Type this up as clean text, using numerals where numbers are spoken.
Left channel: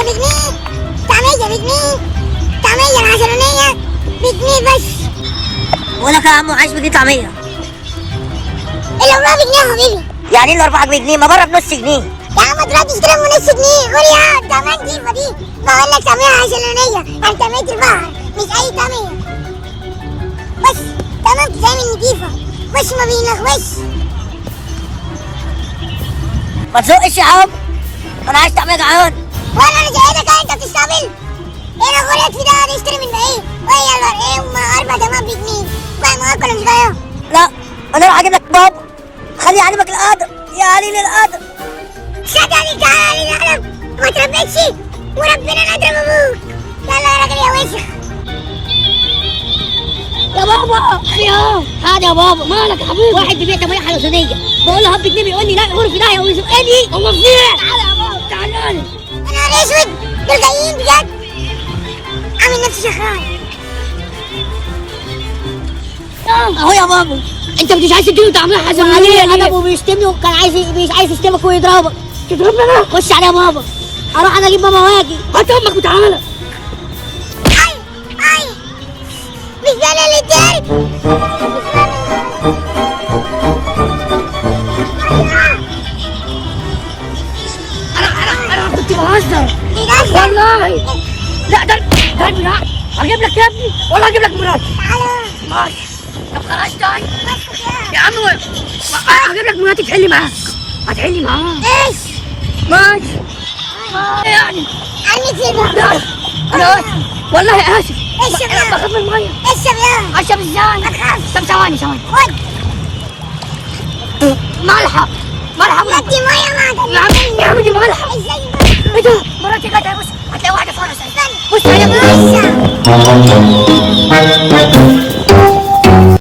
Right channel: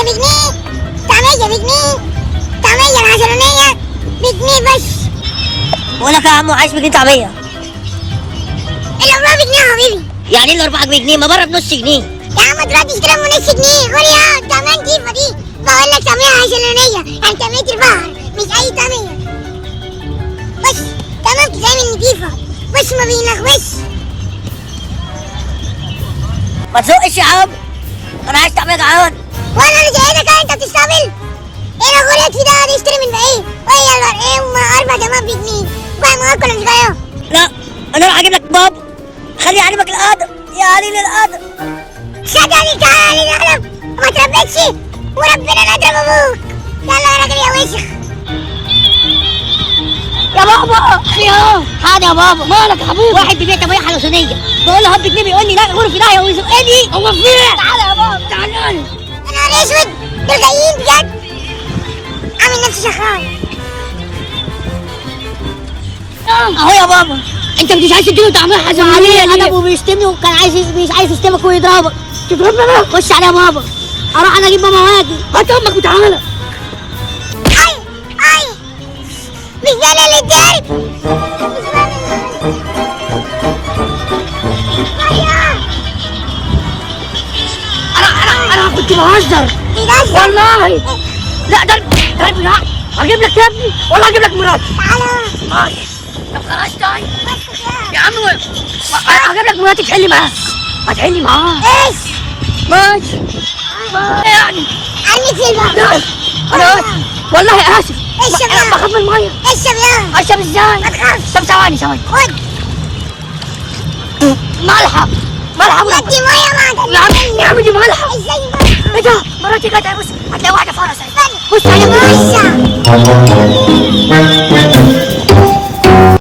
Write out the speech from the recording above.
طعمية بجنيه، طعمية بجنيه، طعمية العشرانية بجنيه بس. بقول لك يا عم عايش بجنيه طعميه. الأربعة بجنيه يا حبيبي. يعني ايه الاربعه بجنيه؟ ما بره بنص جنيه. يا عم دلوقتي اشتريها بنص جنيه. خد يا كمان جيبة دي. بقول لك طعمية عشرانية، يعني طعمية البحر مش أي طعمية. بص تمام بتتعمل نضيفة، بص ما بينغوش. ما تزقش يا عم، انا عايز طعميه جعان. وانا اللي جايلك انت بتستقبل؟ ايه الغريات في ده؟ نشتري من بعيد. وهي ايه اربع تمام بجنيه. بقى مؤكل مش جايه. لا انا راح اجيب لك بابا، خليه يعلمك الادب، يا عليل الادب. صدقني تعالى الادب ما تربيتش وربنا نضرب ابوك. يلا يا راجل يا وسخ. يا بابا يا هذا يا بابا مالك يا حبيبي؟ واحد بيبيع طعميه حلوسانيه بقول له هب جنيه بيقول لي لا غرفي لا يا ويزقني. هو فين؟ تعالى يا بابا تعالى. انا نهار اسود دول جايين بجد. عامل نفسي شغال اهو يا بابا. انت مش عايز تديله طعميه حلوسانيه ليه؟ ادبه بيشتمني وكان مش عايز يشتمك ويضربك. تضربني انا؟ خش على يا بابا. اروح انا اجيب ماما واجي. هات امك وتعالى. اي اي مش ده اللي اتضرب. انا كنت بهزر بيهزر والله. لا ده تعالى لا هجيب لك يا ابني والله هجيب لك مراتي. تعالى ماشي طب خلاص طيب يا عم هجيب لك مراتي تحلي معاها. هتحلي معاها ايش ماشي يعني. عني في البحر. لا انا اسف والله اسف. اشرب انا يا بخاف من الميه. اشرب يا اشرب ازاي؟ ما تخافش. طب ثواني ثواني. خد ملحه ملحه ودي ميه معدن. يا عم يا عم دي ملحه. ازاي بقى؟ ايه ده؟ مراتي جت بص هتلاقي واحده فرس. بص يا بص